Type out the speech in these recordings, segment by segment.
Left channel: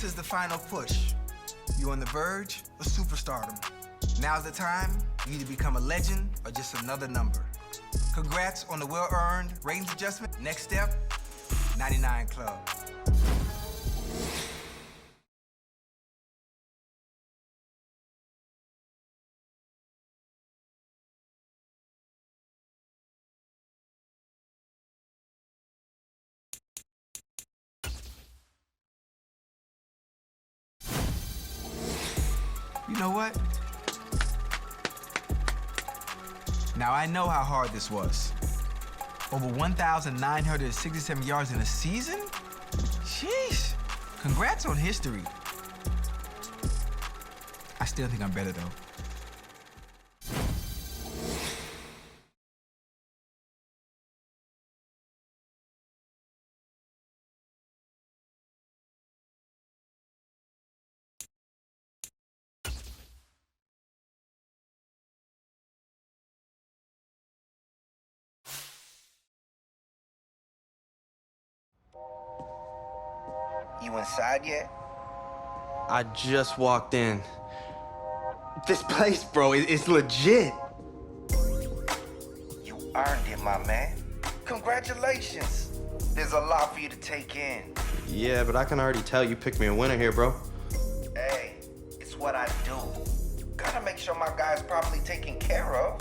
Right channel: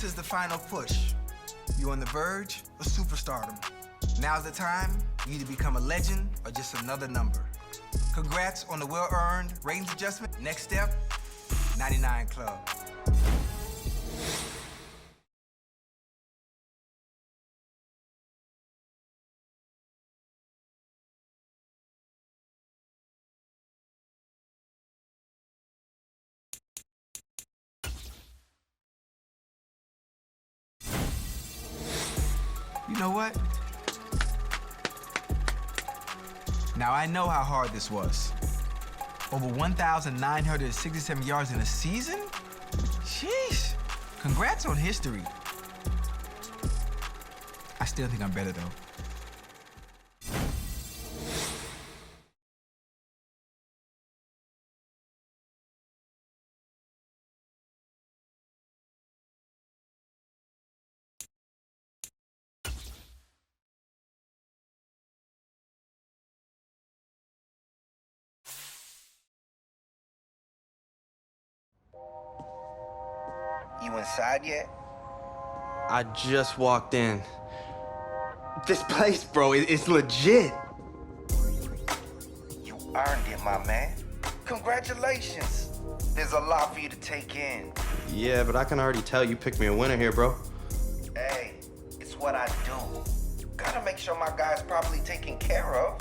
This is the final push. You're on the verge of superstardom. Now's the time. You either become a legend or just another number. Congrats on the well-earned ratings adjustment. Next step, 99 Club. You know what? Now I know how hard this was. Over 1,967 yards in a season? Sheesh. Congrats on history. I still think I'm better though. You inside yet? I just walked in. This place, bro, it's legit. You earned it, my man. Congratulations. There's a lot for you to take in. Yeah, but I can already tell you picked me a winner here, bro. Hey, it's what I do. Gotta make sure my guy's properly taken care of.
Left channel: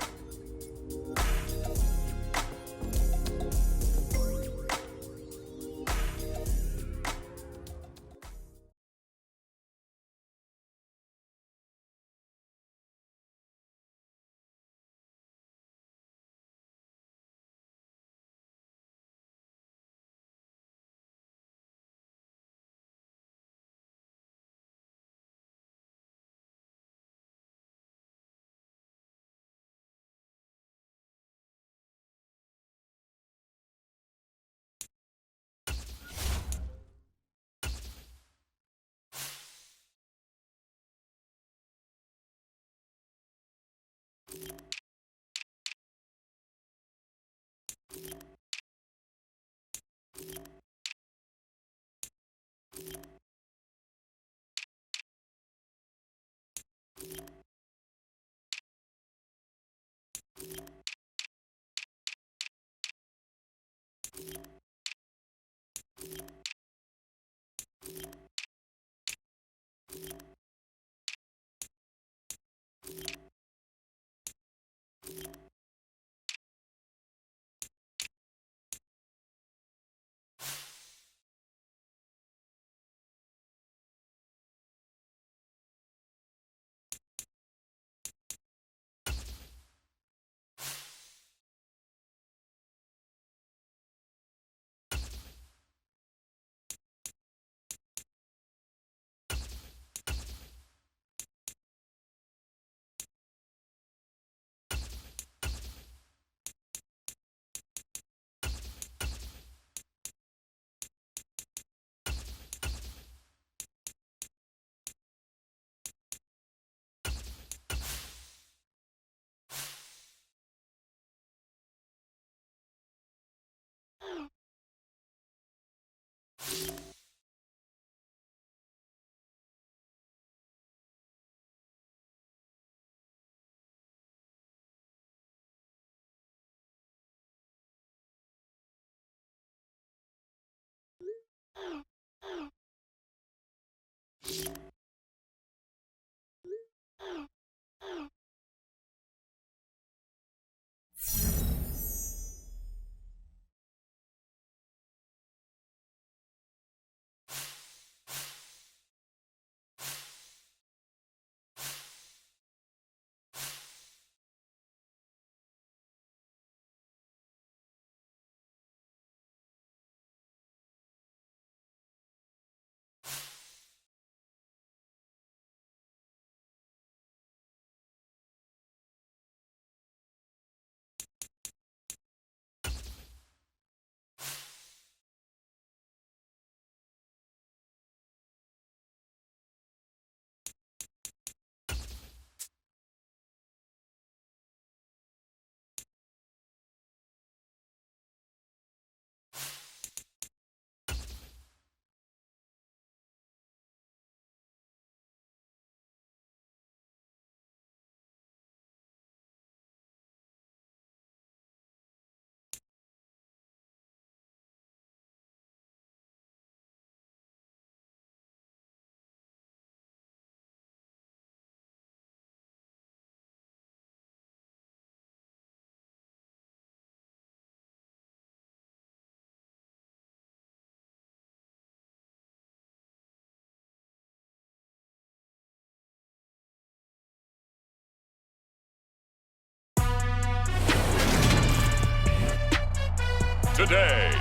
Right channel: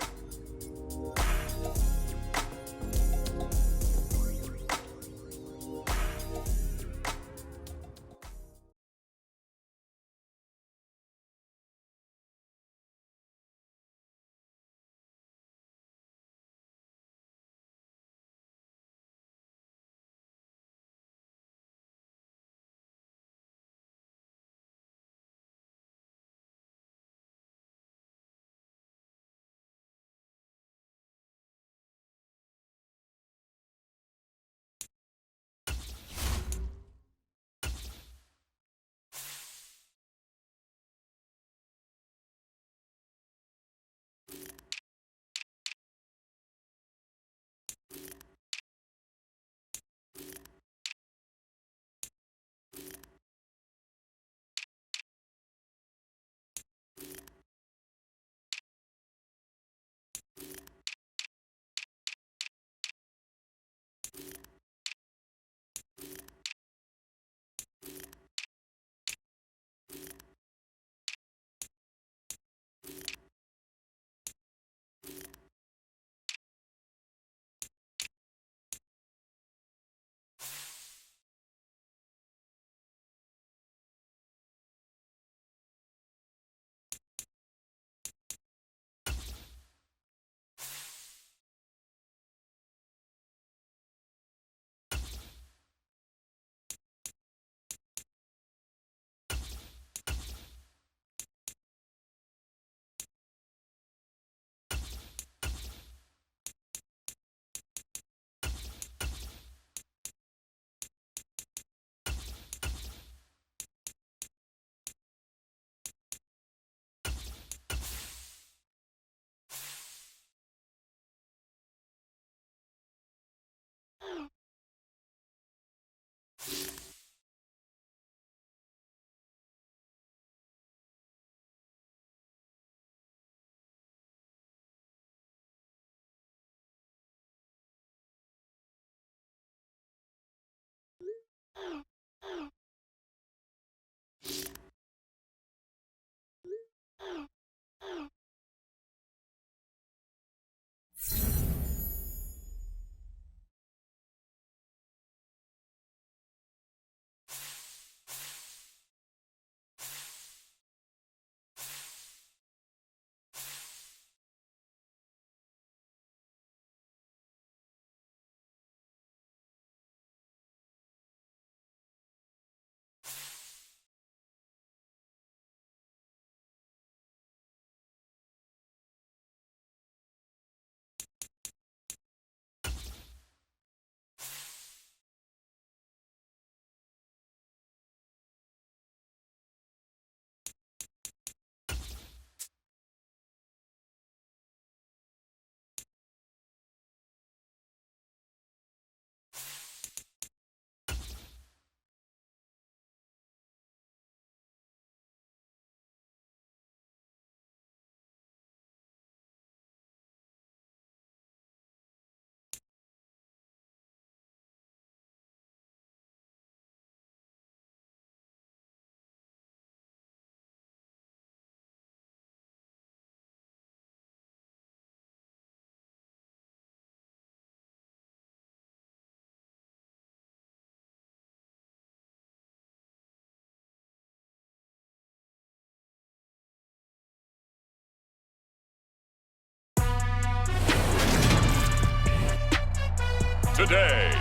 today.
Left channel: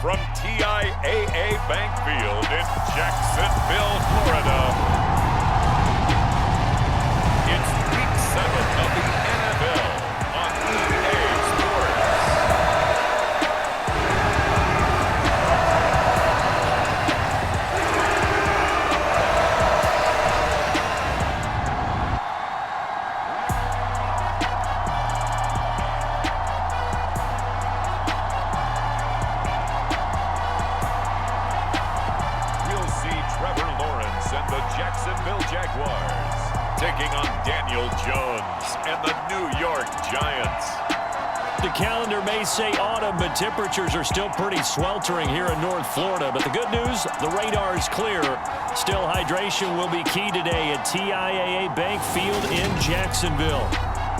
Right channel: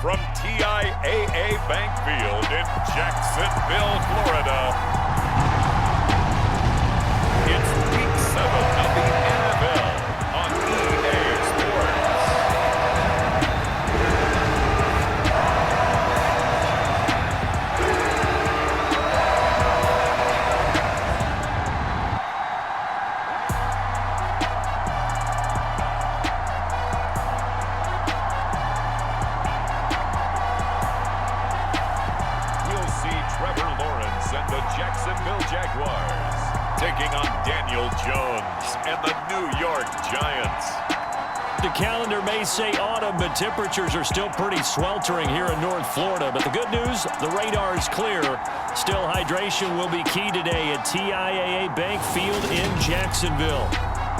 From TIAA Bank Field in Jacksonville, Florida, it's Week 7 of the NFL on EA Sports. Trevor Lawrence and the Jacksonville Jaguars taking on Daniel Jones and the New York Giants. The calendar may say autumn, but temperatures are still pretty sweltering here in North Florida. But the good news, the radar is clear. Still, hydration will be key today at TIAA Bank Field in Jacksonville.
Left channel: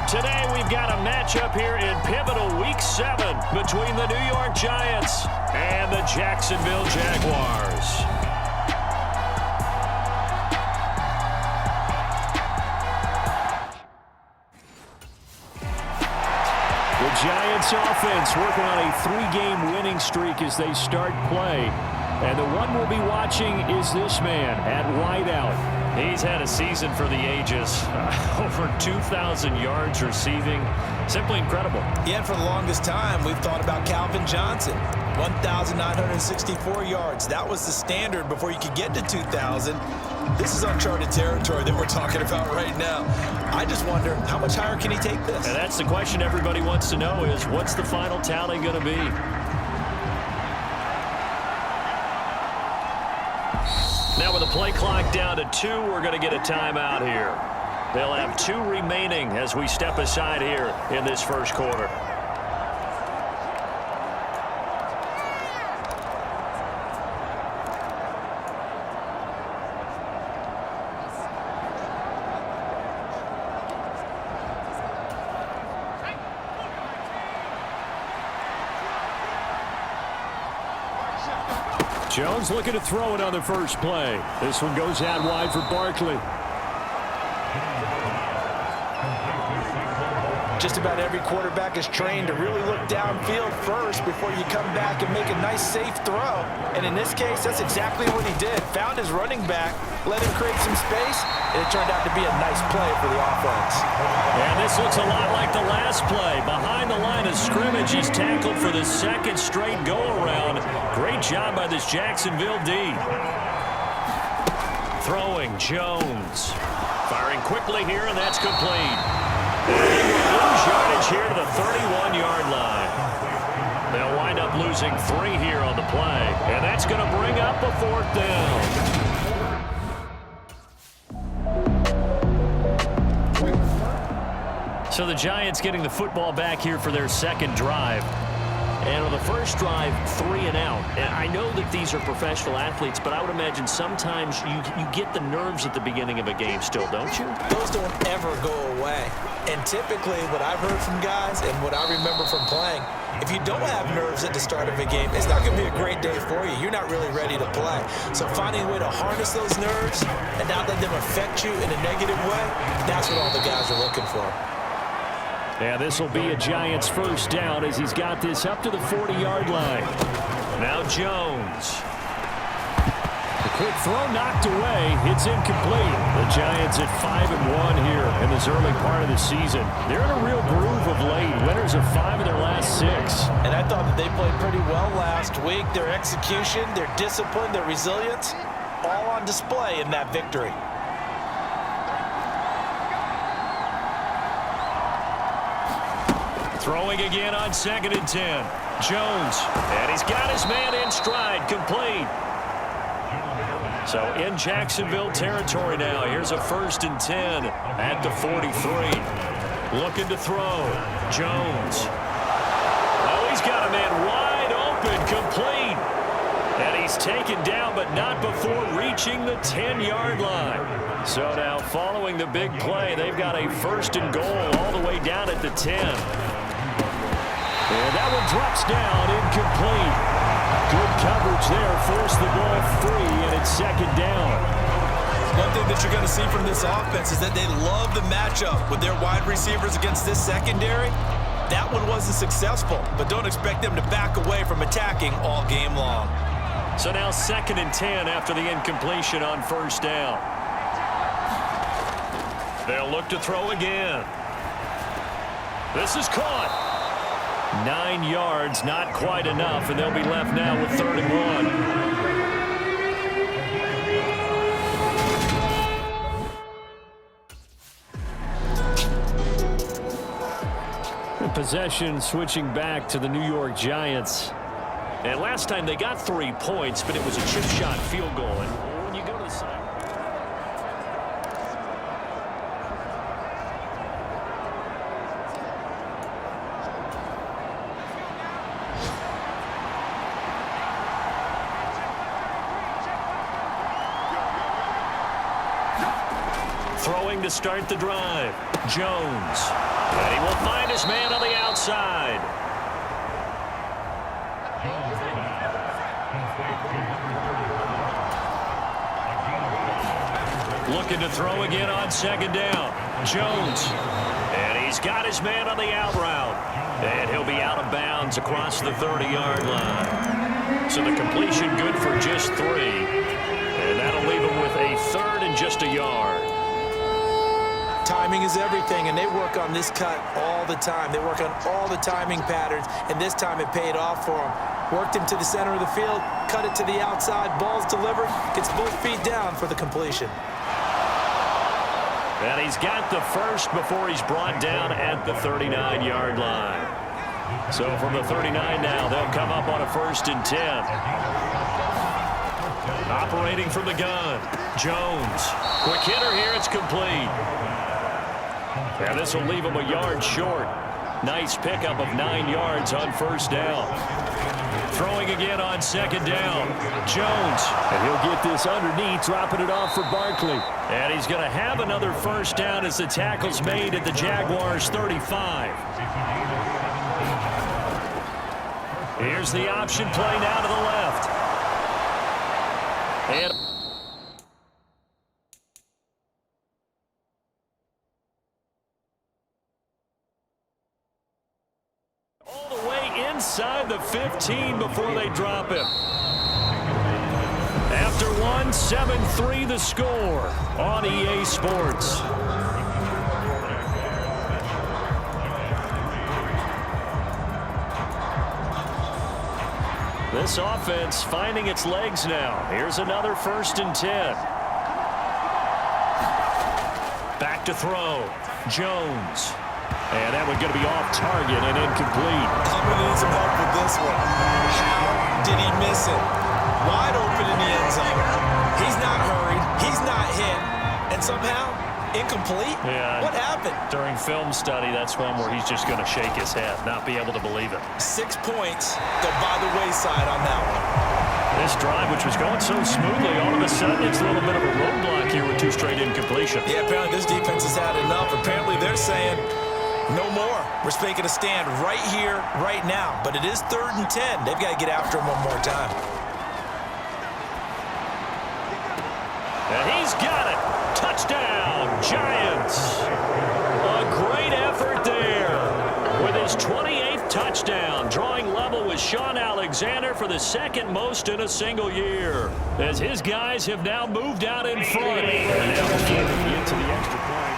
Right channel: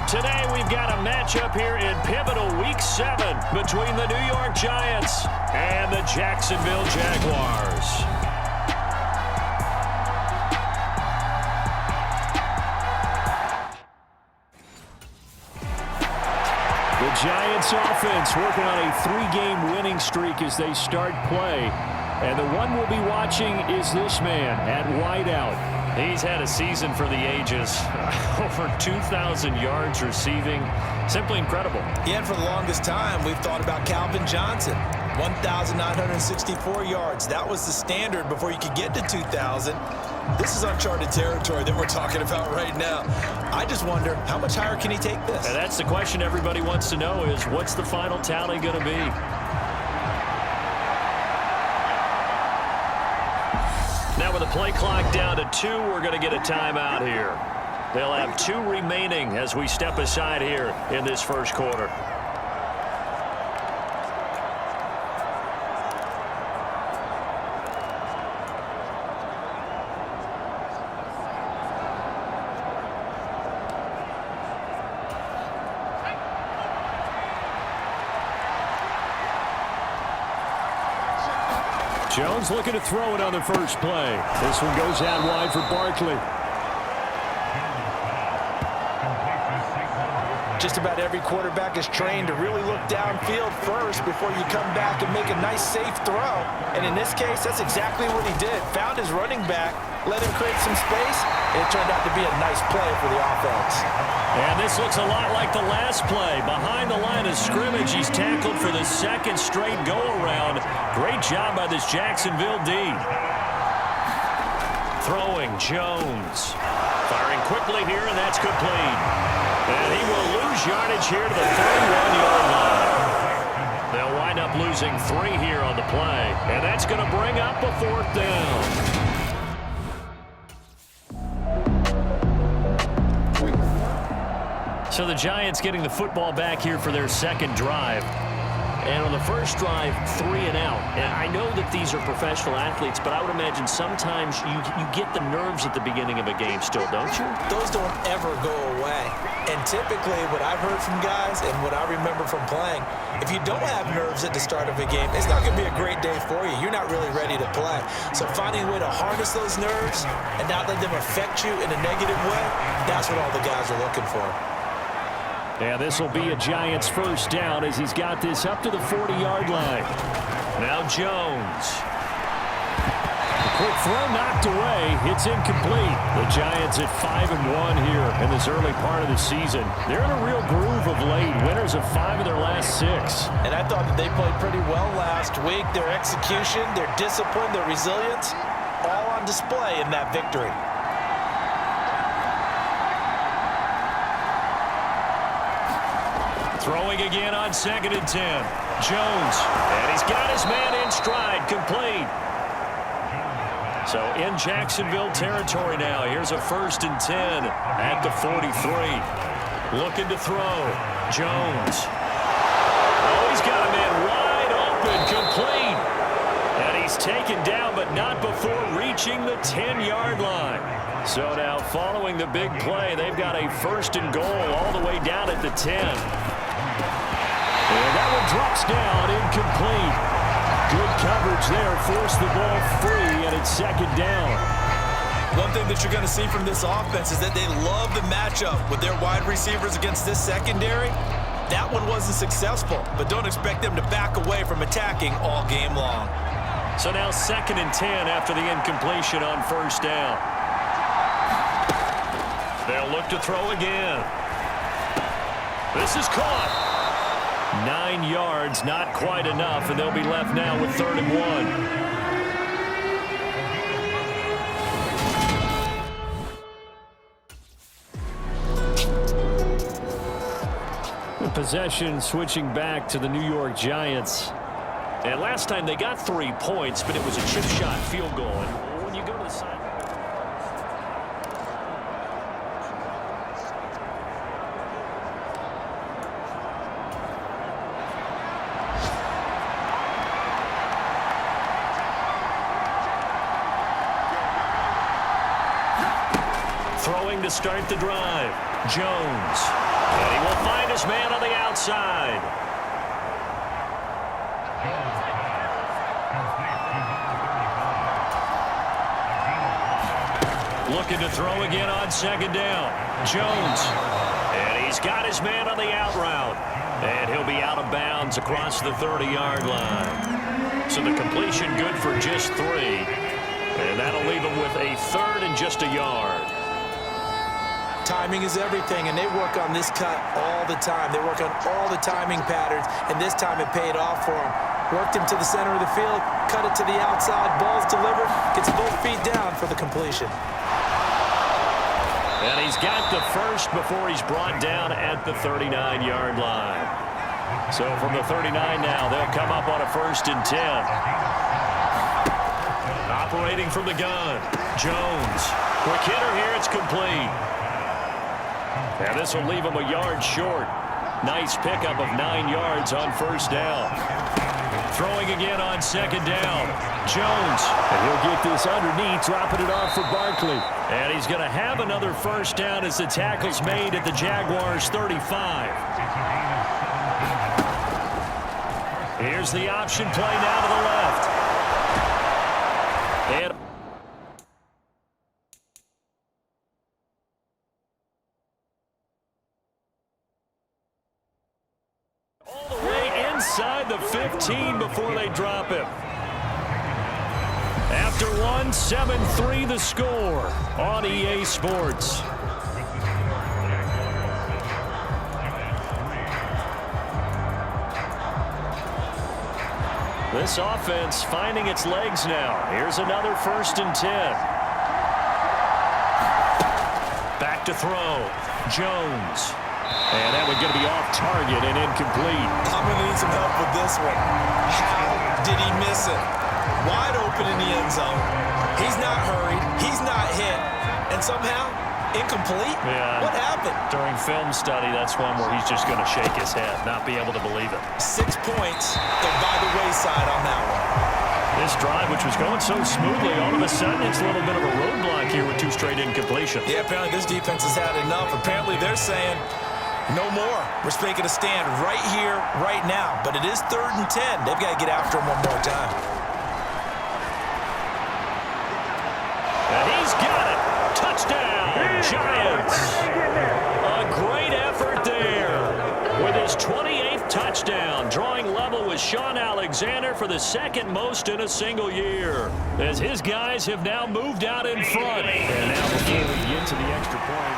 Today, we've got a matchup here in pivotal Week 7 between the New York Giants and the Jacksonville Jaguars. The Giants offense working on a 3-game winning streak as they start play. And the one we'll be watching is this man at wideout. He's had a season for the ages. Over 2,000 yards receiving. Simply incredible. Yeah, and for the longest time, we've thought about Calvin Johnson. 1,964 yards. That was the standard before you could get to 2,000. This is uncharted territory that we're talking about right now. I just wonder, how much higher can he take this? And that's the question everybody wants to know is, what's the final tally going to be? Now with the play clock down to 2, we're going to get a timeout here. They'll have 2 remaining as we step aside here in this first quarter. Jones looking to throw it on the first play. This one goes out wide for Barkley. Just about every quarterback is trained to really look downfield first before you come back and make a nice, safe throw. And in this case, that's exactly what he did. Found his running back, let him create some space, and it turned out to be a nice play for the offense. And this looks a lot like the last play. Behind the line of scrimmage, he's tackled for the second straight go-around. Great job by this Jacksonville D. Throwing, Jones. Firing quickly here, and that's complete. And he will lose yardage here to the 31-yard line. They'll wind up losing 3 here on the play, and that's going to bring up a 4th down. So the Giants getting the football back here for their second drive. And on the first drive, 3 and out. And I know that these are professional athletes, but I would imagine sometimes you get the nerves at the beginning of a game still, don't you? Those don't ever go away. And typically what I've heard from guys and what I remember from playing, if you don't have nerves at the start of a game, it's not going to be a great day for you. You're not really ready to play. So finding a way to harness those nerves and not let them affect you in a negative way, that's what all the guys are looking for. Yeah, this will be a Giants first down as he's got this up to the 40-yard line. Now Jones. A quick throw knocked away. It's incomplete. The Giants at 5-1 here in this early part of the season. They're in a real groove of late. Winners of 5 of their last 6. And I thought that they played pretty well last week. Their execution, their discipline, their resilience, all on display in that victory. Throwing again on 2nd and 10. Jones. And he's got his man in stride. Complete. So in Jacksonville territory now. Here's a 1st and 10 at the 43. Looking to throw. Jones. Oh, he's got a man wide open. Complete. And he's taken down, but not before reaching the 10-yard line. So now following the big play, they've got a 1st and goal all the way down at the 10. And that one drops down, incomplete. Good coverage there, forced the ball free, and it's 2nd down. One thing that you're going to see from this offense is that they love the matchup with their wide receivers against this secondary. That one wasn't successful, but don't expect them to back away from attacking all game long. So now 2nd and 10 after the incompletion on 1st down. They'll look to throw again. This is caught. 9 yards, not quite enough, and they'll be left now with 3rd and 1. Possession switching back to the New York Giants. And last time they got 3 points, but it was a chip shot field goal. And when you go to the side. Throwing to start the drive. Jones. And he will find his man on the outside. Looking to throw again on 2nd down. Jones. And he's got his man on the out route. And he'll be out of bounds across the 30-yard line. So the completion good for just 3. And that'll leave him with a 3rd and just a yard. Timing is everything, and they work on this cut all the time. They work on all the timing patterns, and this time it paid off for them. Worked him to the center of the field, cut it to the outside, ball's delivered, gets both feet down for the completion. And he's got the first before he's brought down at the 39-yard line. So from the 39 now, they'll come up on a 1st and 10. Operating from the gun, Jones. Quick hitter here, it's complete. And this will leave him a yard short. Nice pickup of 9 yards on 1st down. Throwing again on 2nd down. Jones. And he'll get this underneath, dropping it off for Barkley. And he's going to have another 1st down as the tackle's made at the Jaguars' 35. Here's the option play now to the left. And all the way inside the 15 before they drop him. After 1, 7-3 the score on EA Sports. This offense finding its legs now. Here's another 1st and 10. Back to throw. Jones. And that one's going to be off target and incomplete. I'm going to need some help with this one. How did he miss it? Wide open in the end zone. He's not hurried. He's not hit. And somehow, incomplete? Yeah. What happened? During film study, that's one where he's just going to shake his head, not be able to believe it. 6 points go by the wayside on that one. This drive, which was going so smoothly, all of a sudden it's a little bit of a roadblock here with 2 straight incompletions. Yeah, apparently this defense has had enough. Apparently they're saying, no more. We're making a stand right here, right now. But it is 3rd and 10. They've got to get after him one more time. And he's got it. Touchdown, Giants. A great effort there with his 28th touchdown, drawing level with Sean Alexander for the 2nd most in a single year, as his guys have now moved out in front. And now before we get to the extra point,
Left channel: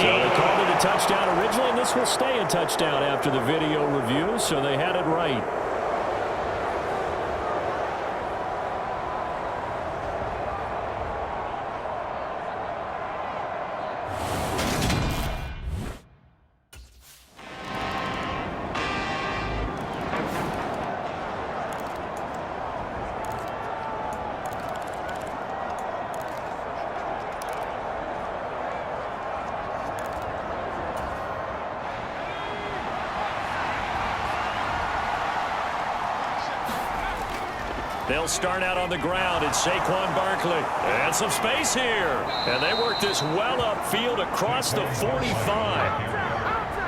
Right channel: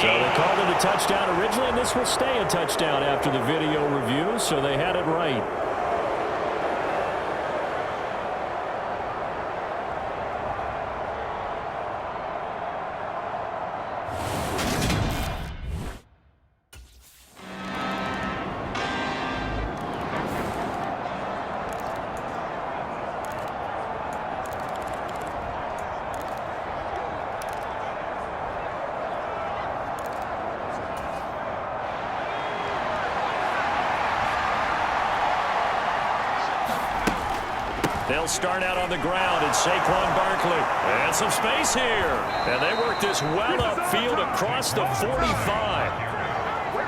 so they called it a touchdown originally, and this will stay a touchdown after the video review, so they had it right. They'll start out on the ground. It's Saquon Barkley. And some space here. And they work this well upfield across the 45.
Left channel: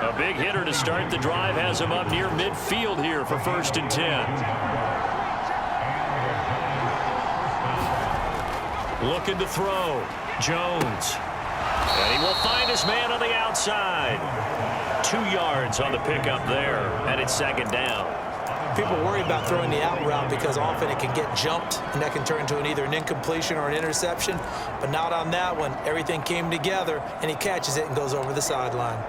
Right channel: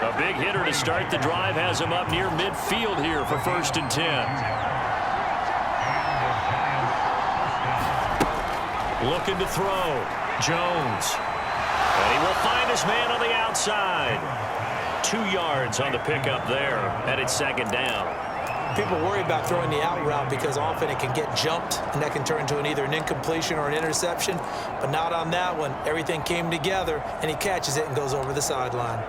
A big hitter to start the drive has him up near midfield here for 1st and 10. Looking to throw. Jones. And he will find his man on the outside. 2 yards on the pickup there, and it's second down. People worry about throwing the out route because often it can get jumped, and that can turn into either an incompletion or an interception. But not on that one. Everything came together, and he catches it and goes over the sideline.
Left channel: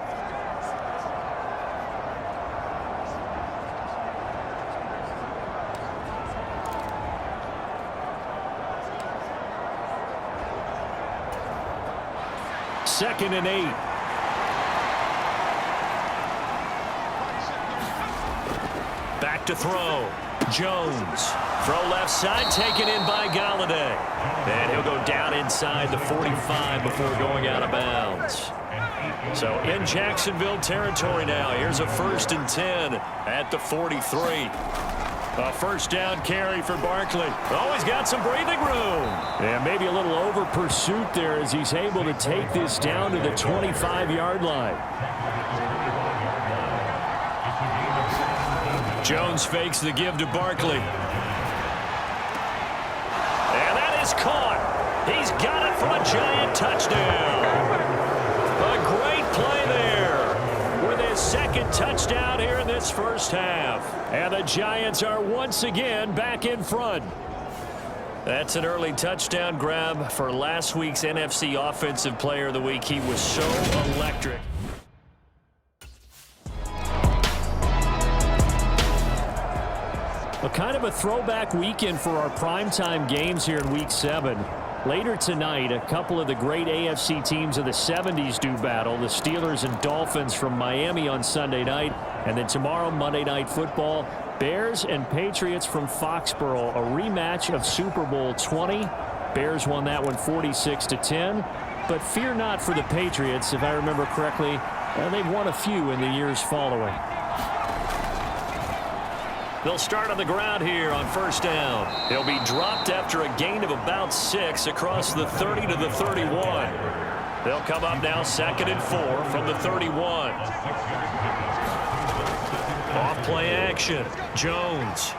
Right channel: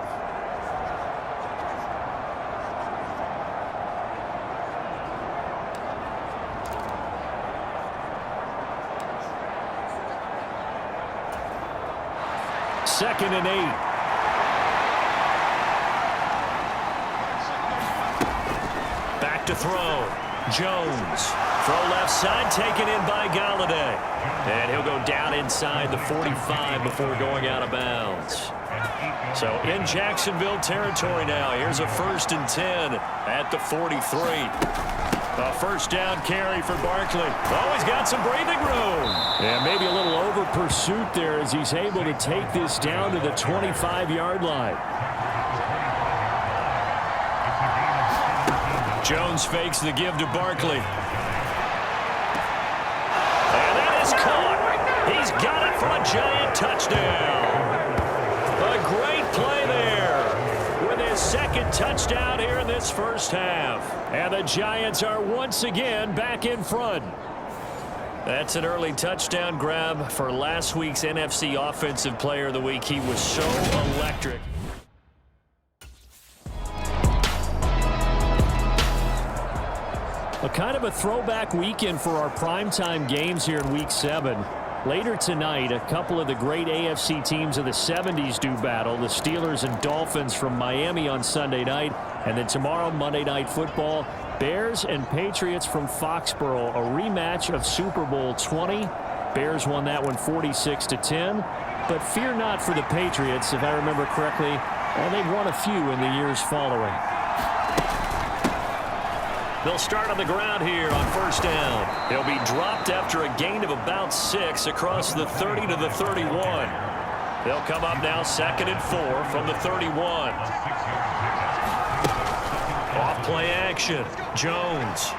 Second and 8. Back to throw. Jones. Throw left side, taken in by Golladay. And he'll go down inside the 45 before going out of bounds. So in Jacksonville territory now. Here's a 1st and 10 at the 43. A first down carry for Barkley. Oh, he's got some breathing room. Yeah, maybe a little over pursuit there as he's able to take this down to the 25-yard line. Jones fakes the give to Barkley. And that is caught. He's got it for a Giant touchdown. A great play there with his second touchdown here in this first half. And the Giants are once again back in front. That's an early touchdown grab for last week's NFC Offensive Player of the Week. He was so electric. A kind of a throwback weekend for our primetime games here in Week 7. Later tonight, a couple of the great AFC teams of the 70s do battle. The Steelers and Dolphins from Miami on Sunday night. And then tomorrow, Monday Night Football, Bears and Patriots from Foxborough. A rematch of Super Bowl 20. Bears won that one 46-10. But fear not for the Patriots. If I remember correctly, they've won a few in the years following. They'll start on the ground here on first down. He'll be dropped after a gain of about 6 across the 30 to the 31. They'll come up now 2nd and 4 from the 31. Off play action. Jones.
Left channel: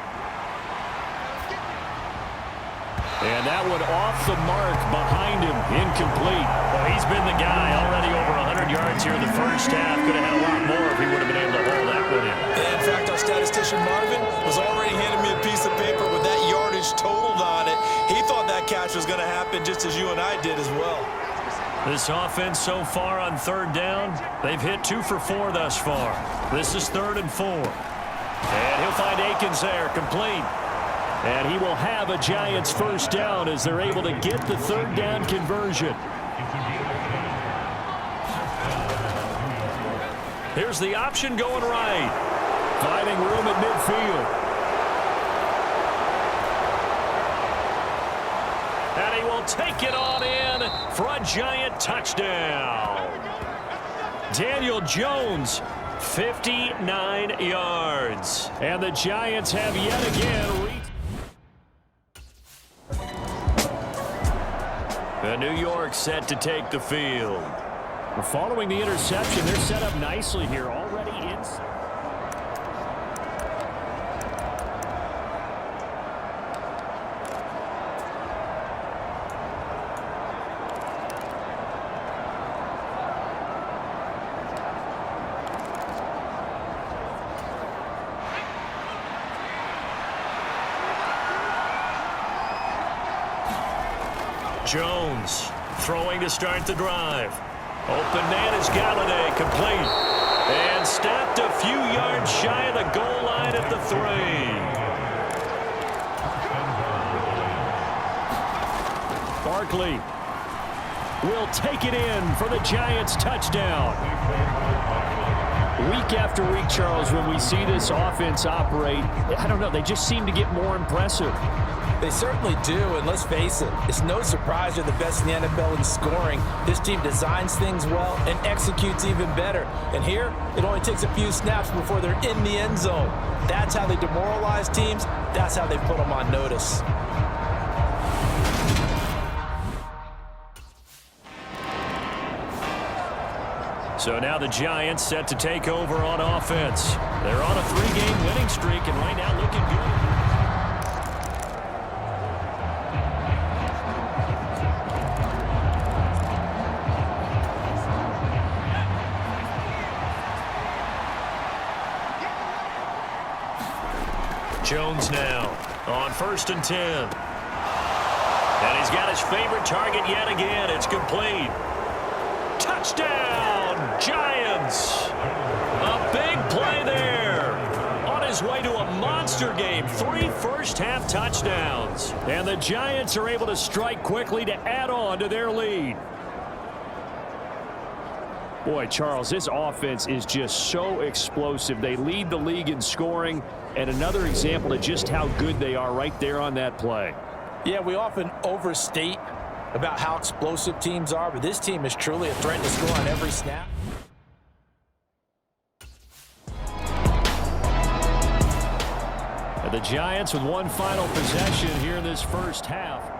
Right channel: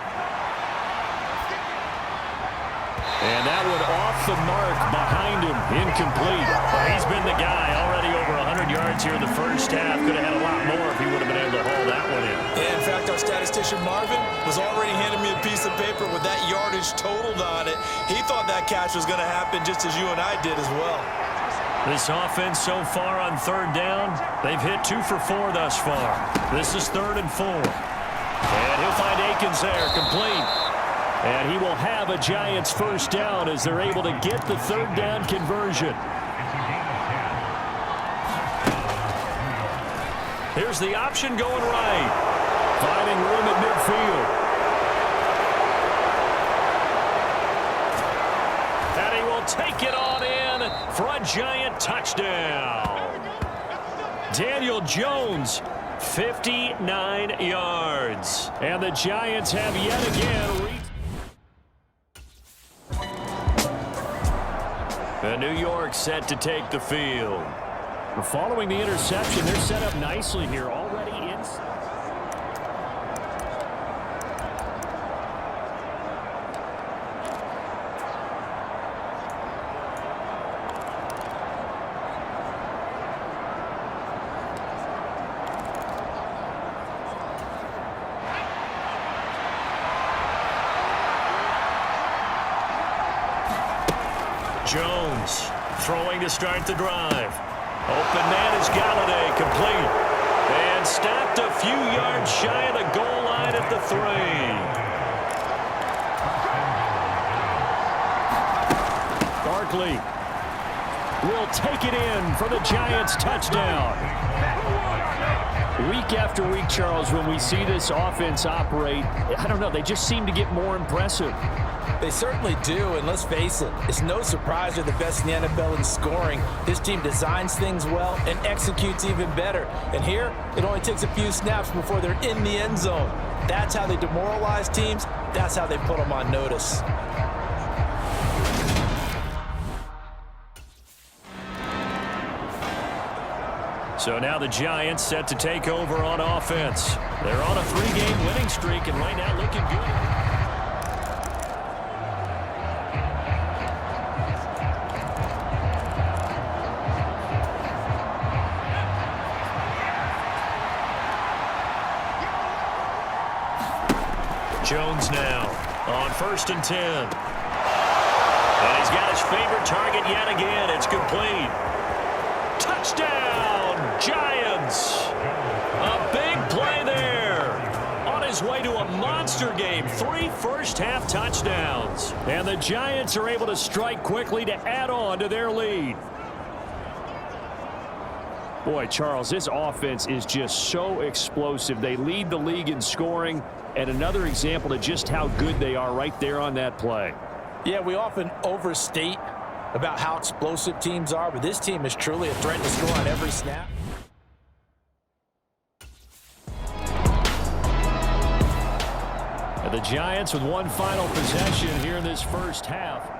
And that one off the mark behind him. Incomplete. Well, he's been the guy already over 100 yards here in the first half. Could have had a lot more if he would have been able to haul that one in. Yeah, in fact, our statistician Marvin was already handing me a piece of paper with that yardage totaled on it. He thought that catch was going to happen just as you and I did as well. This offense so far on 3rd down, they've hit 2 for 4 thus far. This is 3rd and 4. And he'll find Akins there, complete. And he will have a Giants first down as they're able to get the 3rd down conversion. Here's the option going right. Finding room at midfield. And he will take it on in for a Giant touchdown. Daniel Jones, 59 yards. And the Giants have yet again reached. New York set to take the field. Following the interception, they're set up nicely here, already in. Jones throwing to start the drive. Open man is Golladay, complete. And stopped a few yards shy of the goal line at the 3. Barkley will take it in for the Giants touchdown. Week after week, Charles, when we see this offense operate, I don't know, they just seem to get more impressive. They certainly do, and let's face it, it's no surprise they're the best in the NFL in scoring. This team designs things well and executes even better. And here, it only takes a few snaps before they're in the end zone. That's how they demoralize teams. That's how they put them on notice. So now the Giants set to take over on offense. They're on a 3-game winning streak and right now looking good. Jones now on 1st and 10. And he's got his favorite target yet again. It's complete. Touchdown, Giants. A big play there. On his way to a monster game. 3 first-half touchdowns. And the Giants are able to strike quickly to add on to their lead. Boy, Charles, this offense is just so explosive. They lead the league in scoring, and another example of just how good they are right there on that play. Yeah, we often overstate about how explosive teams are, but this team is truly a threat to score on every snap. And the Giants with one final possession here in this first half.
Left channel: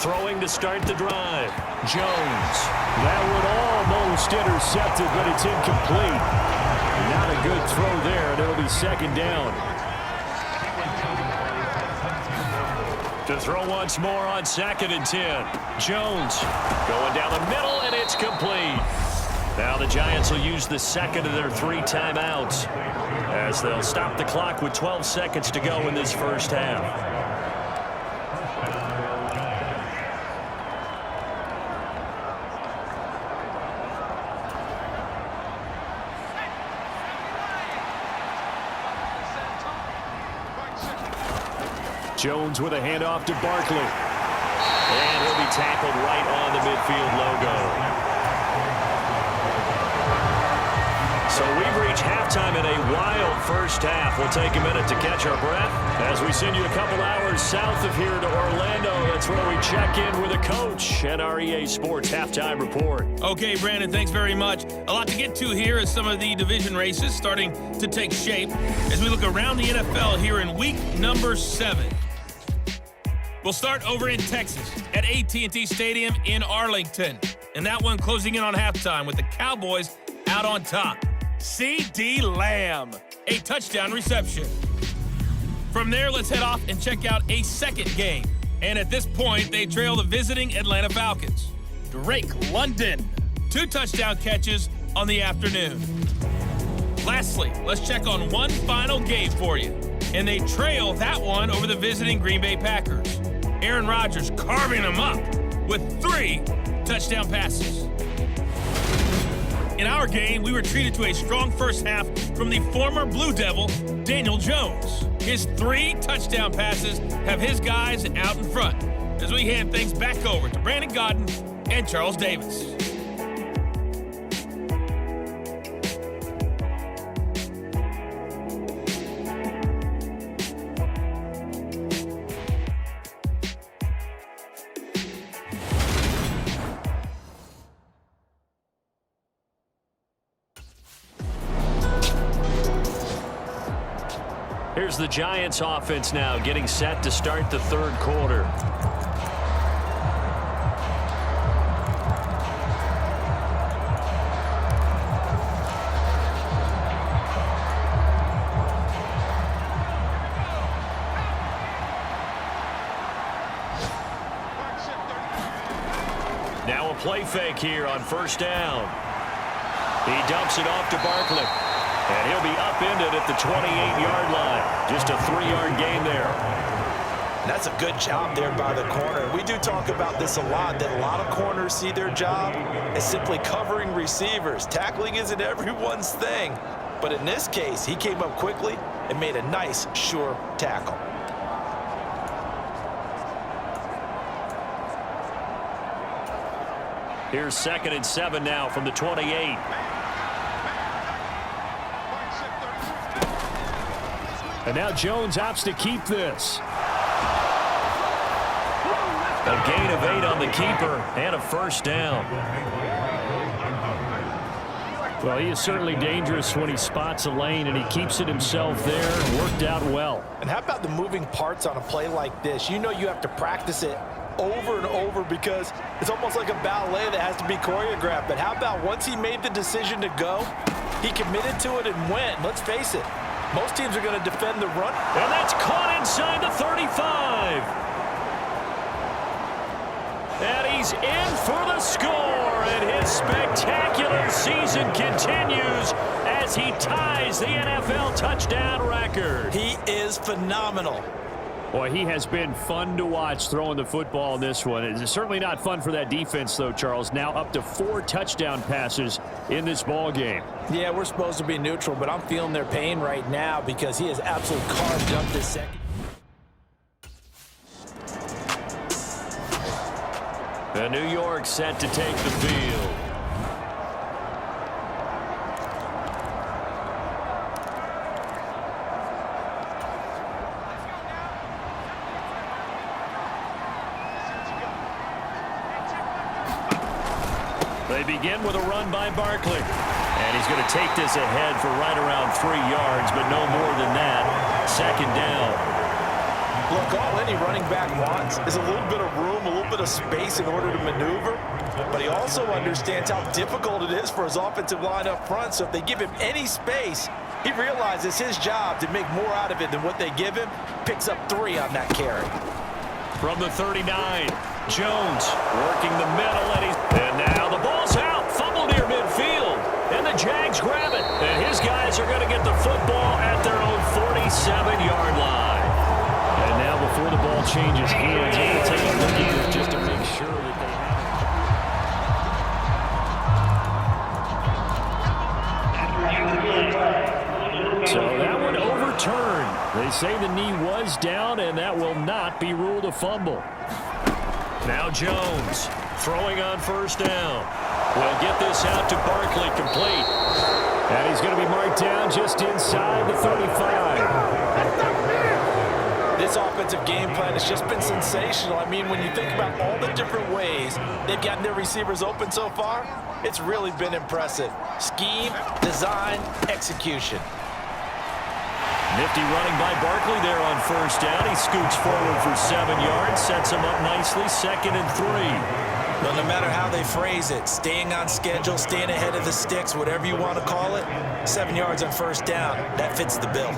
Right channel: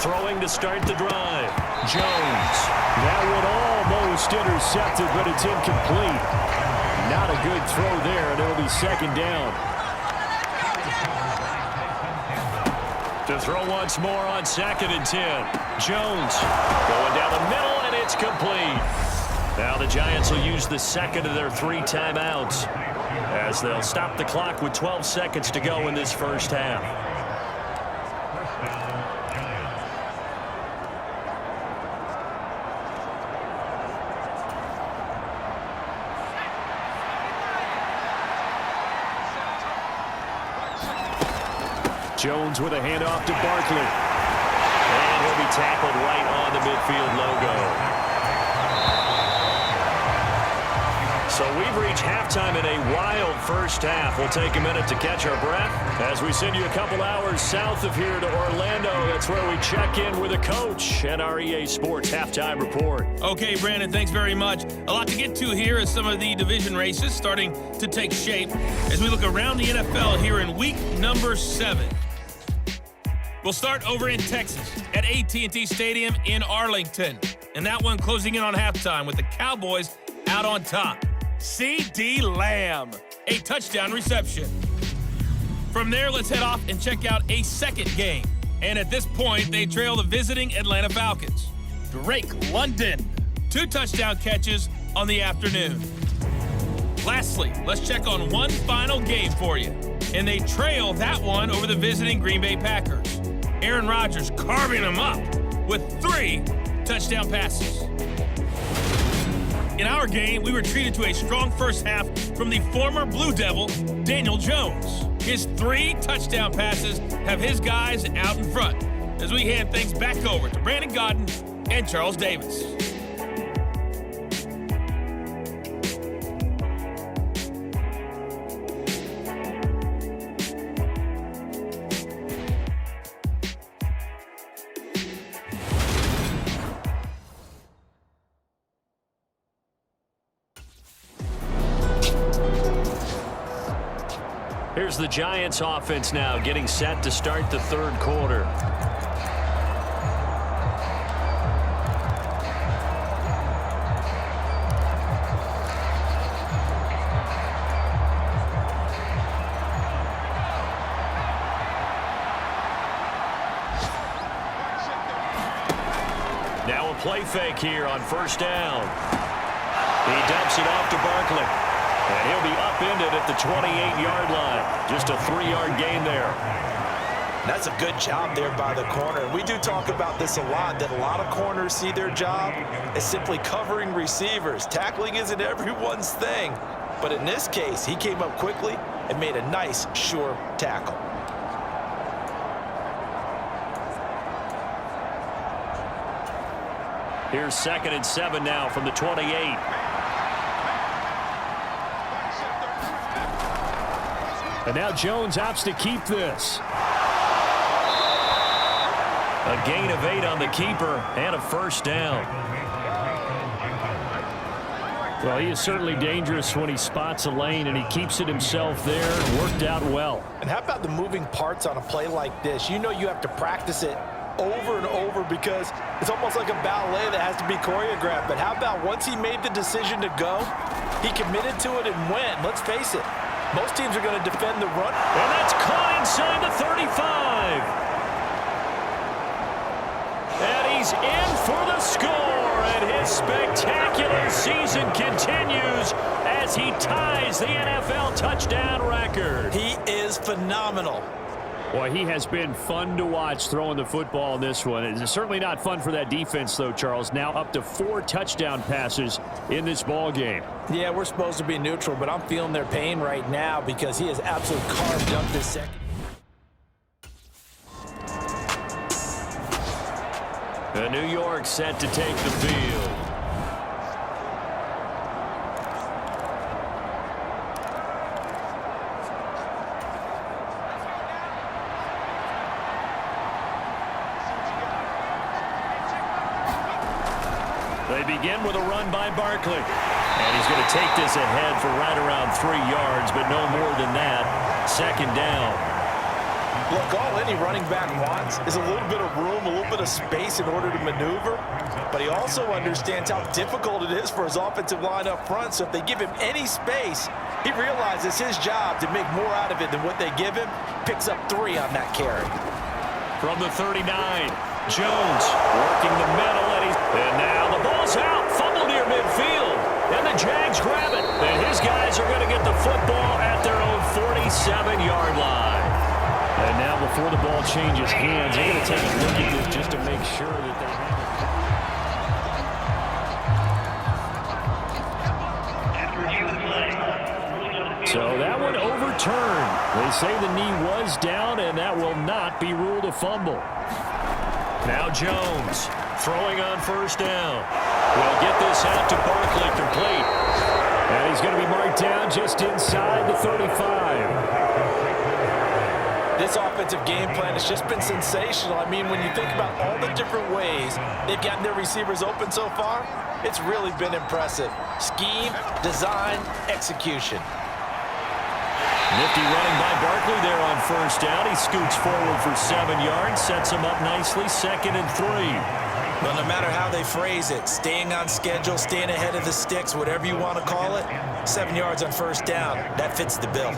Throwing to start the drive. Jones. That would almost intercepted, but it's incomplete. Not a good throw there, and it'll be 2nd down. To throw once more on 2nd and 10. Jones going down the middle, and it's complete. Now the Giants will use the 2nd of their 3 timeouts as they'll stop the clock with 12 seconds to go in this first half. Jones with a handoff to Barkley. And he'll be tackled right on the midfield logo. So we've reached halftime in a wild first half. We'll take a minute to catch our breath as we send you a couple hours south of here to Orlando. That's where we check in with a coach and our EA Sports halftime report. Okay, Brandon, thanks very much. A lot to get to here as some of the division races starting to take shape as we look around the NFL here in week number 7. We'll start over in Texas at AT&T Stadium in Arlington. And that one closing in on halftime with the Cowboys out on top. CeeDee Lamb, a touchdown reception. From there, let's head off and check out a second game. And at this point, they trail the visiting Atlanta Falcons. Drake London, 2 touchdown catches on the afternoon. Lastly, let's check on one final game for you. And they trail that one over the visiting Green Bay Packers. Aaron Rodgers carving them up with 3 touchdown passes. In our game, we were treated to a strong first half from the former Blue Devil, Daniel Jones. His 3 touchdown passes have his guys out in front as we hand things back over to Brandon Gaudin and Charles Davis. Here's the Giants offense now getting set to start the 3rd quarter. Now a play fake here on 1st down. He dumps it off to Barkley. And he'll be upended at the 28-yard line. Just a 3-yard gain there. That's a good job there by the corner. We do talk about this a lot, that a lot of corners see their job as simply covering receivers. Tackling isn't everyone's thing. But in this case, he came up quickly and made a nice, sure tackle. Here's 2nd and 7 now from the 28. And now Jones opts to keep this. A gain of 8 on the keeper and a 1st down. Well, he is certainly dangerous when he spots a lane, and he keeps it himself there and worked out well. And how about the moving parts on a play like this? You know you have to practice it over and over because it's almost like a ballet that has to be choreographed. But how about once he made the decision to go, he committed to it and went. Let's face it, most teams are going to defend the run. And that's caught inside the 35. And he's in for the score, and his spectacular season continues as he ties the NFL touchdown record. He is phenomenal. Boy, he has been fun to watch throwing the football in this one. It's certainly not fun for that defense, though, Charles. Now up to 4 touchdown passes in this ball game. Yeah, we're supposed to be neutral, but I'm feeling their pain right now because he has absolutely carved up this second. The New York set to take the field. They begin with a run by Barkley. And he's going to take this ahead for right around 3 yards, but no more than that. Second down. Look, all any running back wants is a little bit of room, a little bit of space in order to maneuver. But he also understands how difficult it is for his offensive line up front. So if they give him any space, he realizes his job to make more out of it than what they give him. Picks up 3 on that carry. From the 39, Jones working the middle, and now the ball's out. Fumble near midfield, and the Jags grab it. And his guys are going to get the football at their own 47-yard line. And now before the ball changes hands, they're going to take a look at this just to make sure that they have it. So that one overturned. They say the knee was down, and that will not be ruled a fumble. Now Jones throwing on first down. Will get this out to Barkley, complete. And he's going to be marked down just inside the 35. This offensive game plan has just been sensational. I mean, when you think about all the different ways they've gotten their receivers open so far, it's really been impressive. Scheme, design, execution. Nifty running by Barkley there on first down. He scoots forward for 7 yards, sets him up nicely, 2nd and 3. Well, no matter how they phrase it, staying on schedule, staying ahead of the sticks, whatever you want to call it, 7 yards on first down, that fits the bill.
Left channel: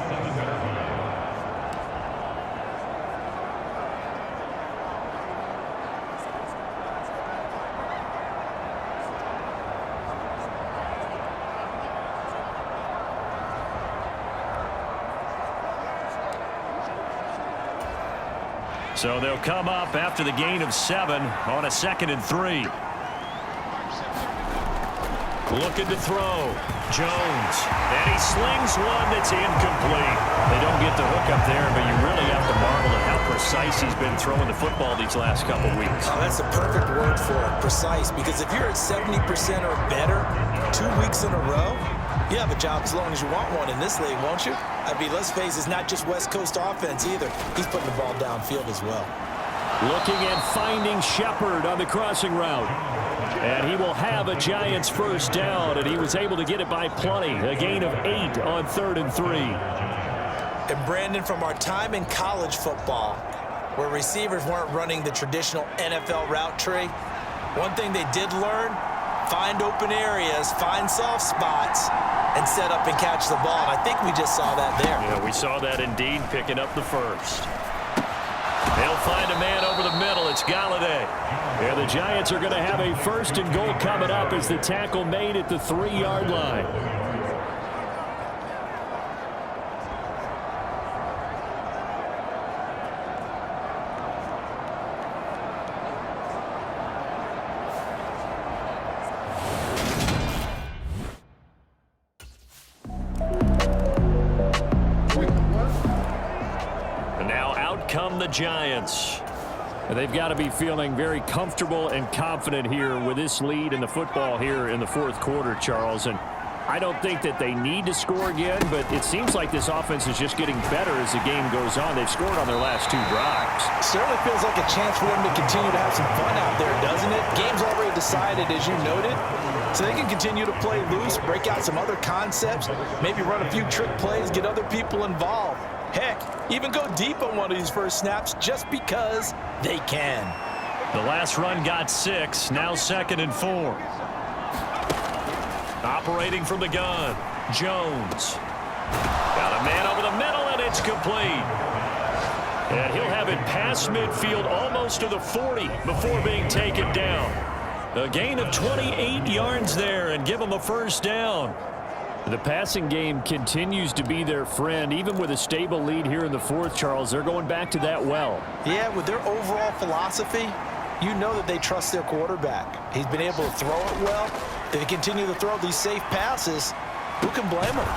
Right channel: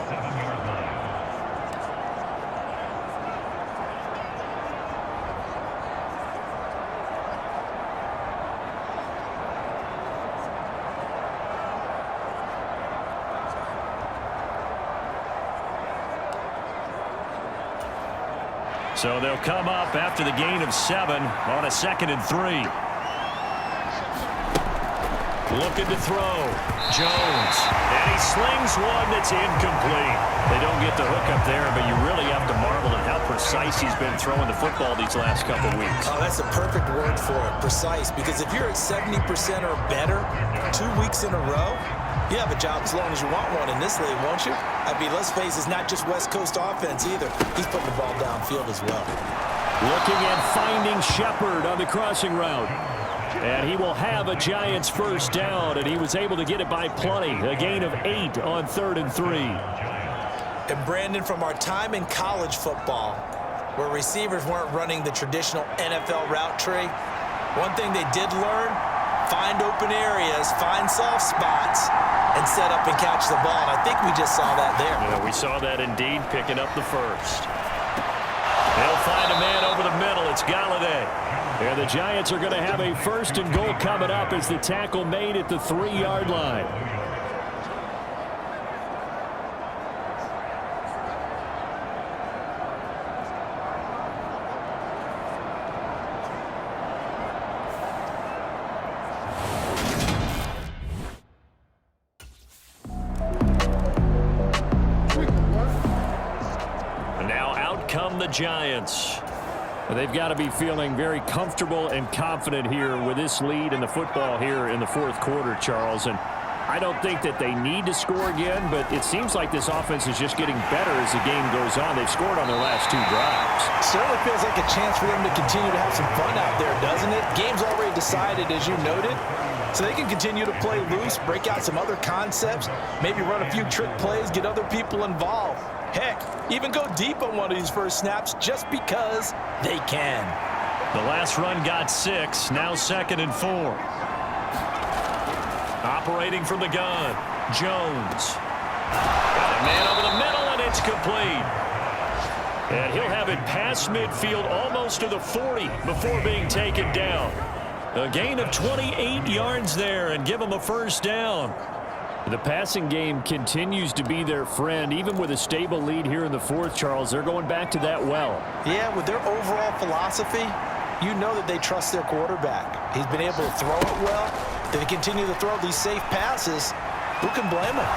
So they'll come up after the gain of 7 on a 2nd and 3. Looking to throw. Jones. And he slings one that's incomplete. They don't get the hook up there, but you really have to marvel at how precise he's been throwing the football these last couple weeks. Oh, that's the perfect word for it, precise. Because if you're at 70% or better 2 weeks in a row, you have a job as long as you want one in this league, won't you? I mean, let's face it, it's not just West Coast offense either. He's putting the ball downfield as well. Looking at finding Shepard on the crossing route. And he will have a Giants first down, and he was able to get it by plenty. A gain of 8 on 3rd and 3. And Brandon, from our time in college football, where receivers weren't running the traditional NFL route tree, one thing they did learn, find open areas, find soft spots, and set up and catch the ball. And I think we just saw that there. Yeah, we saw that indeed, picking up the first. They'll find a man over the middle. It's Galladay. And the Giants are going to have a 1st and goal coming up as the tackle made at the 3-yard line. And now out come the Giants. They've got to be feeling very comfortable and confident here with this lead in the football here in the 4th quarter, Charles. And I don't think that they need to score again, but it seems like this offense is just getting better as the game goes on. They've scored on their last 2 drives. Certainly feels like a chance for them to continue to have some fun out there, doesn't it? Game's already decided, as you noted. So they can continue to play loose, break out some other concepts, maybe run a few trick plays, get other people involved. Heck, even go deep on one of these first snaps just because they can. The last run got 6, now 2nd and 4. Operating from the gun, Jones. Got a man over the middle, and it's complete. And he'll have it past midfield almost to the 40 before being taken down. A gain of 28 yards there and give him a first down. The passing game continues to be their friend. Even with a stable lead here in the fourth, Charles, they're going back to that well. Yeah, with their overall philosophy, you know that they trust their quarterback. He's been able to throw it well. They continue to throw these safe passes. Who can blame them?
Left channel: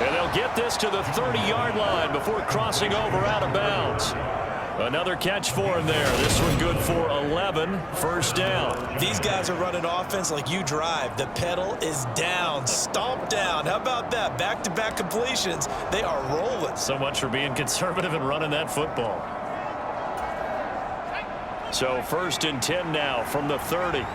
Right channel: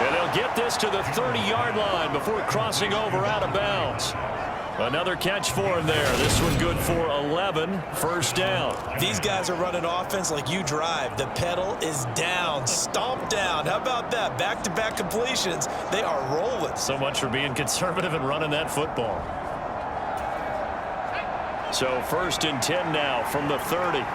And they'll get this to the 30-yard line before crossing over out of bounds. Another catch for him there. This one good for 11. First down. These guys are running offense like you drive. The pedal is down, stomp down. How about that? Back-to-back completions. They are rolling. So much for being conservative and running that football. So 1st and 10 now from the 30.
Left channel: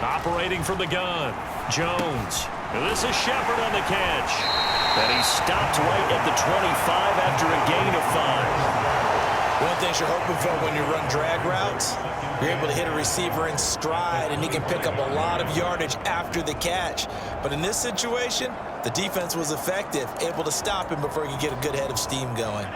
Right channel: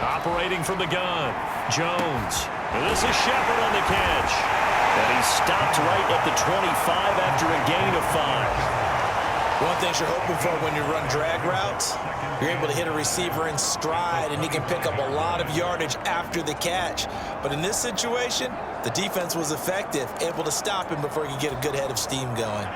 Operating from the gun, Jones. And this is Shepard on the catch. And he stopped right at the 25 after a gain of 5. One thing you're hoping for when you run drag routes, you're able to hit a receiver in stride, and he can pick up a lot of yardage after the catch. But in this situation, the defense was effective, able to stop him before he could get a good head of steam going.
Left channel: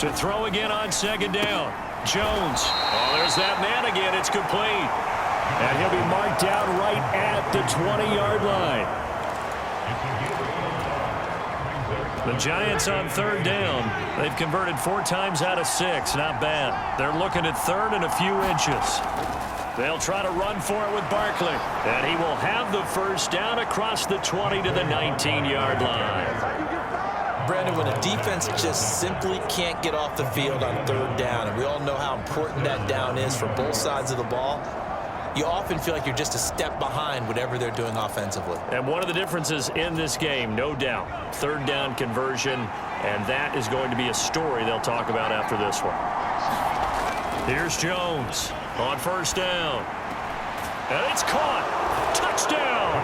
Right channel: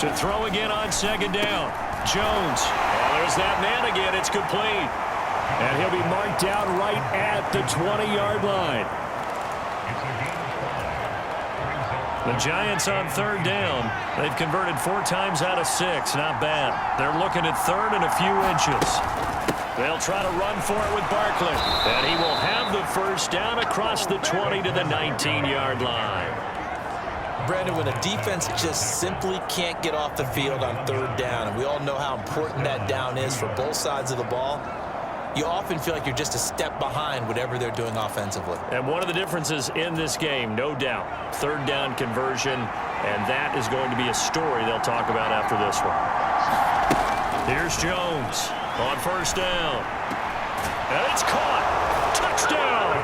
To throw again on 2nd down. Jones. Oh, there's that man again. It's complete. And he'll be marked down right at the 20-yard line. The Giants on 3rd down. They've converted 4 times out of 6. Not bad. They're looking at 3rd and a few inches. They'll try to run for it with Barkley. And he will have the first down across the 20 to the 19-yard line. Brandon, when a defense just simply can't get off the field on 3rd down, and we all know how important that down is for both sides of the ball, you often feel like you're just a step behind whatever they're doing offensively. And one of the differences in this game, no doubt, 3rd down conversion, and that is going to be a story they'll talk about after this one. Here's Jones on 1st down. And it's caught. Touchdown.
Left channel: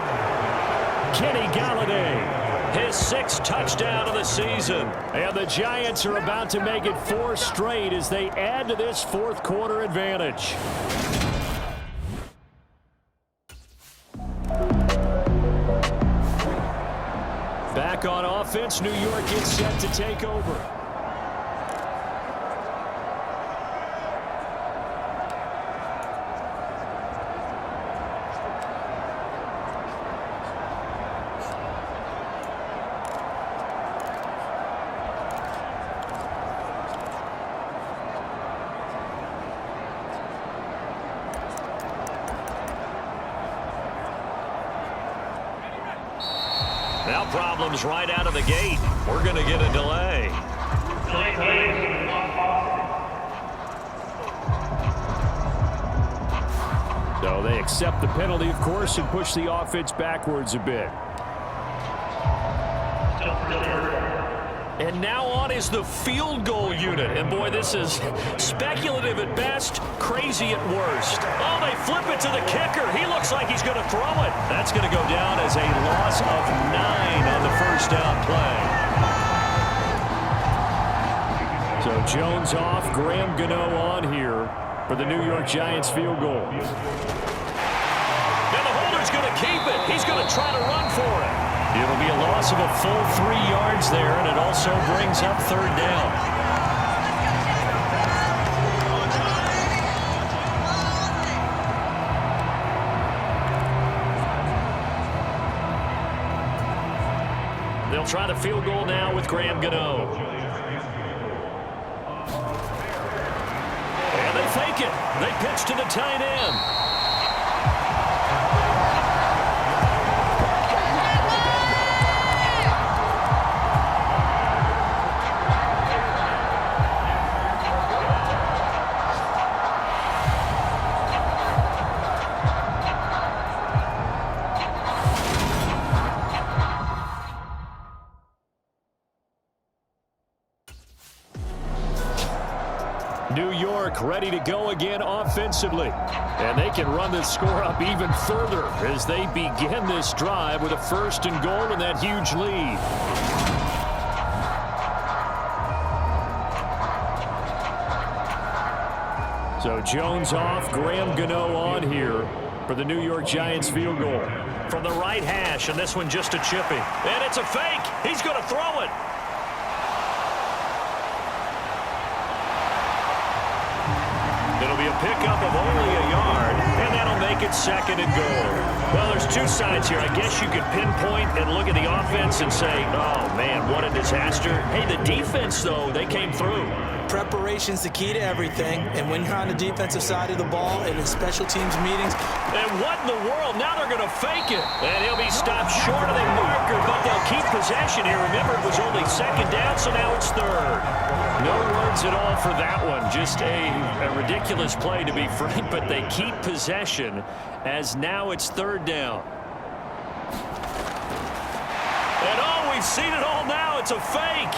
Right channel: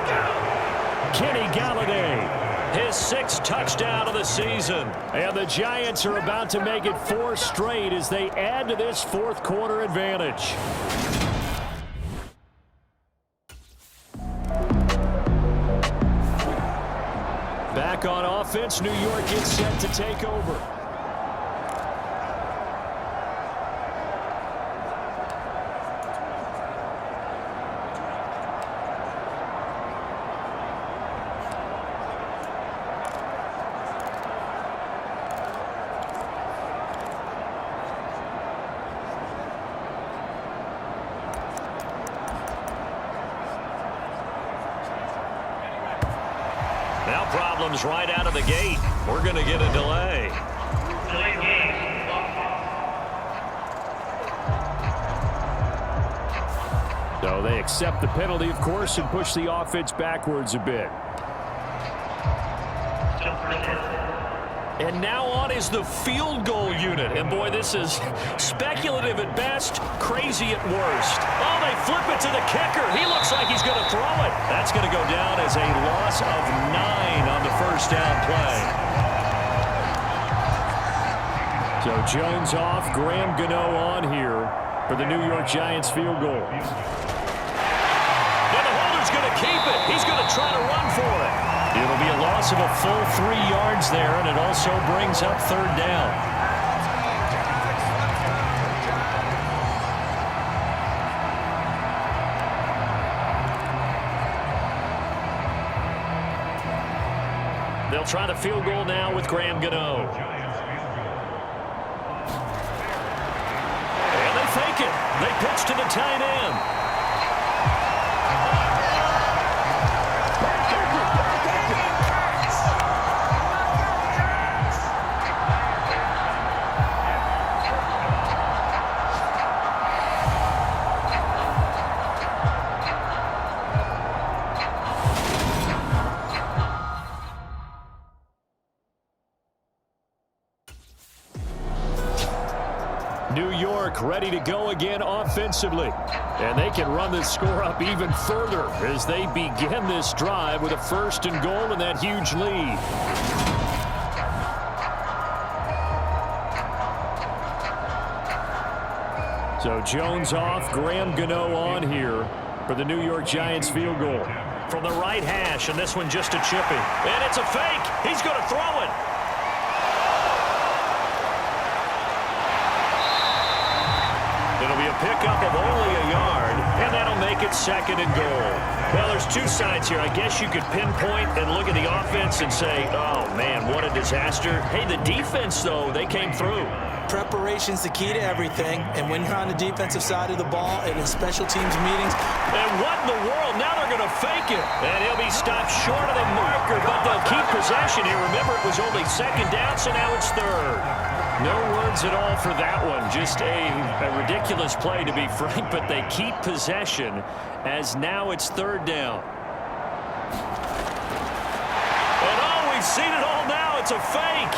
Kenny Galladay. His 6th touchdown of the season. And the Giants are about to make it 4 straight as they add to this 4th quarter advantage. Back on offense, New York gets set to take over. Now problems right out of the gate. We're going to get a delay. So they accept the penalty, of course, and push the offense backwards a bit. And now on is the field goal unit. And boy, this is speculative at best, crazy at worst. Oh, they flip it to the kicker. He looks like he's going to throw it. That's going to go down as a loss of 9 on the first down play. So Jones off, Graham Gano on here for the New York Giants field goal. And the holder's going to keep it. He's going to try to run for it. It'll be a loss of a full 3 yards there, and it also brings up 3rd down. They'll try the field goal now with Graham Gano. And they fake it. They pitch to the tight end. New York ready to go again offensively. And they can run this score up even further as they begin this drive with a 1st and goal and that huge lead. So Jones off, Graham Gano on here for the New York Giants field goal. From the right hash, and this one just a chippy. And it's a fake. He's going to throw it. It'll be a pickup of only a yard, and that'll make it 2nd and goal. Well, there's two sides here. I guess you could pinpoint and look at the offense and say, oh, man, what a disaster. Hey, the defense, though, they came through. Preparation's the key to everything, and when you're on the defensive side of the ball and in special teams meetings. And what in the world? Now they're going to fake it. And he'll be stopped short of the marker, but they'll keep possession here. Remember, it was only 2nd down, so now it's 3rd. No words at all for that one. Just a ridiculous play, to be frank, but they keep possession as now it's 3rd down. And oh, we've seen it all now. It's a fake.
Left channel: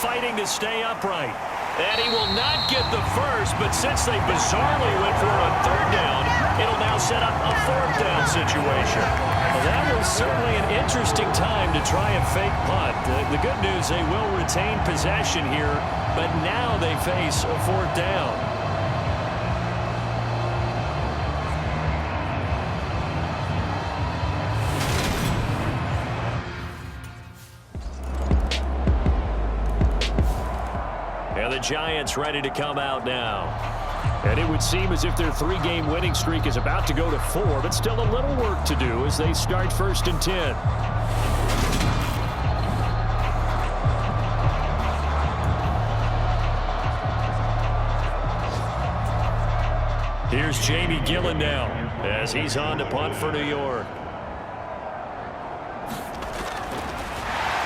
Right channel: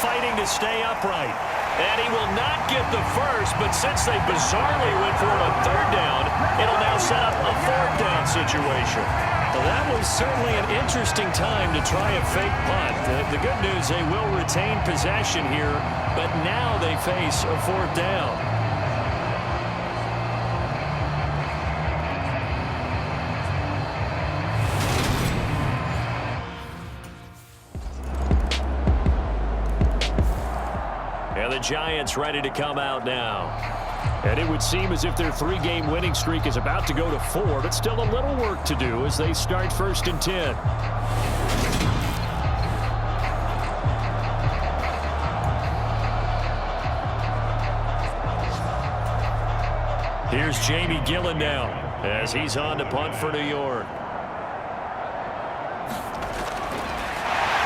Fighting to stay upright. And he will not get the first, but since they bizarrely went for it on 3rd down, it'll now set up a 4th down situation. Well, that was certainly an interesting time to try a fake punt. The good news, they will retain possession here, but now they face a 4th down. And the Giants ready to come out now. And it would seem as if their 3-game winning streak is about to go to 4, but still a little work to do as they start 1st and 10. Here's Jamie Gillen now as he's on to punt for New York.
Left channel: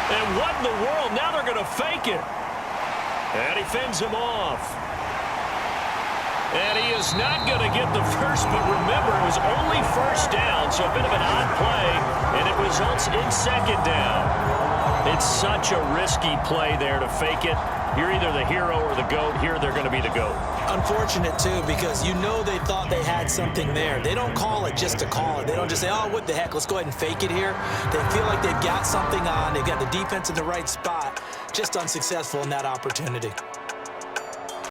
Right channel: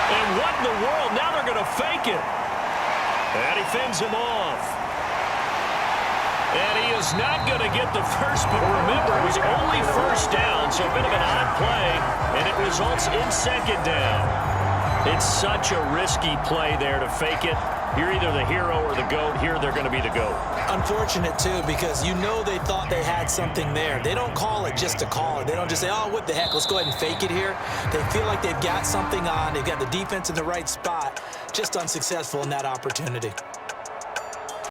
And what in the world? Now they're going to fake it. And he fends him off. And he is not going to get the first, but remember, it was only 1st down, so a bit of an odd play, and it results in 2nd down. It's such a risky play there to fake it. You're either the hero or the GOAT. Here, they're going to be the GOAT. Unfortunate, too, because you know they thought they had something there. They don't call it just to call it. They don't just say, oh, what the heck, let's go ahead and fake it here. They feel like they've got something on. They've got the defense in the right spot. Just unsuccessful in that opportunity.